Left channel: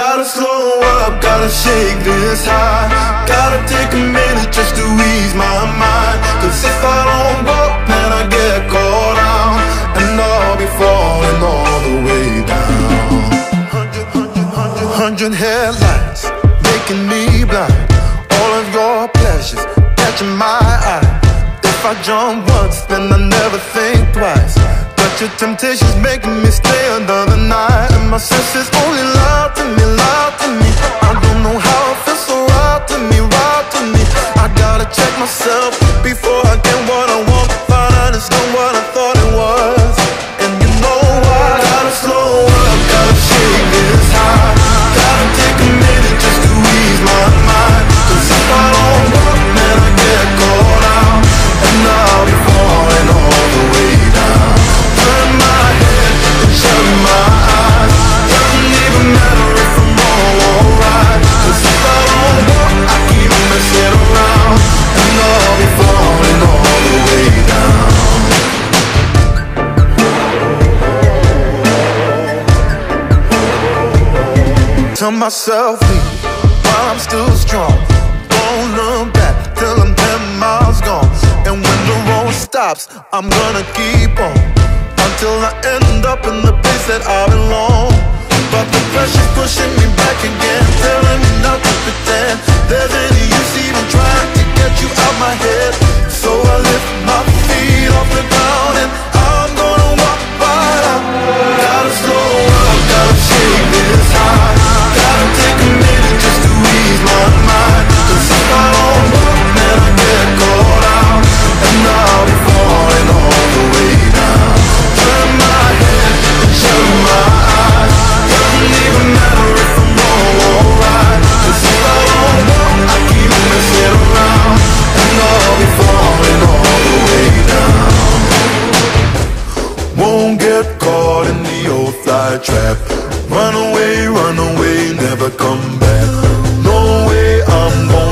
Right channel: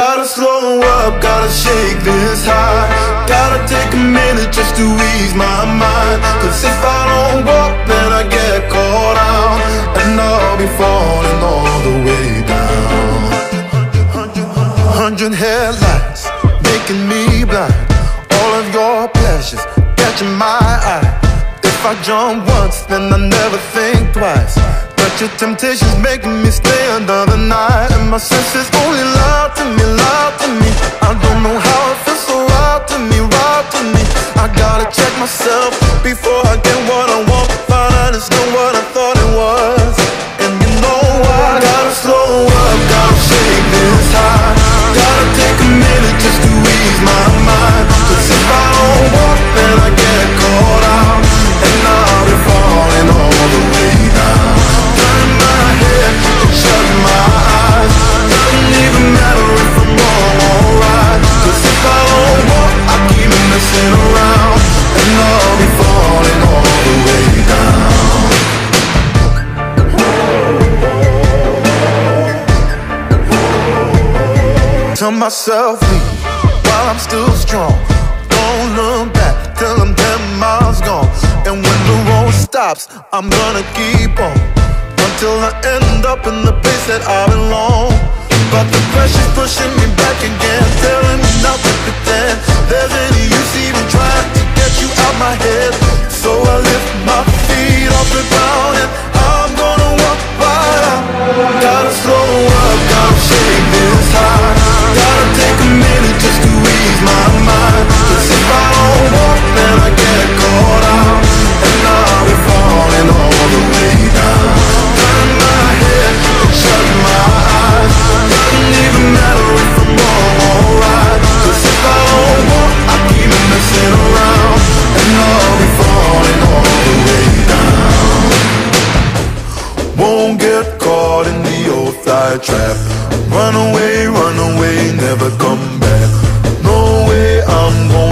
Gotta slow up, gotta shake this high. Gotta take a minute just to ease my mind. Cause if I don't walk, then I get caught out, and I'll be falling all the way down. 100 headlights making me blind. All of your pleasures catching my eye. If I jump once, then I never think twice. But your temptation's making me stay another night, and my senses only lie to me, lie to me. I don't know how it feels so right to me, right to me. I gotta check myself before I get what I want. Find out it's not what I thought it was. And you know why? Gotta slow up, gotta shake this high. Gotta take a minute just to ease my mind. Cause if I don't walk, then I get caught out, and I'll be falling all the way down. Turn my head and shut my eyes. Doesn't even matter if I'm wrong or right. Cause if I don't walk, I keep messing around, and I'll be falling all the way down. Tell myself leave while I'm still strong. Don't look back till I'm 10 miles gone. And when the road stops, I'm gonna keep on, until I end up in the place that I belong. But the pressure's pushing me back again, telling me not to pretend there's any use even trying to get you out my head. So I lift my feet off the ground, and I'm gonna walk right out. Gotta slow up, gotta shake this high. Gotta take a minute just to ease my mind. Cause if I don't walk, then I get caught out, and I'll be falling all the way down. Turn my head and shut my eyes. Doesn't even matter if I'm wrong or right. Cause if I don't walk, I keep messing around, and I'll be falling all the way down. Won't get caught in the old fly trap. Run away, never come back. No way I'm going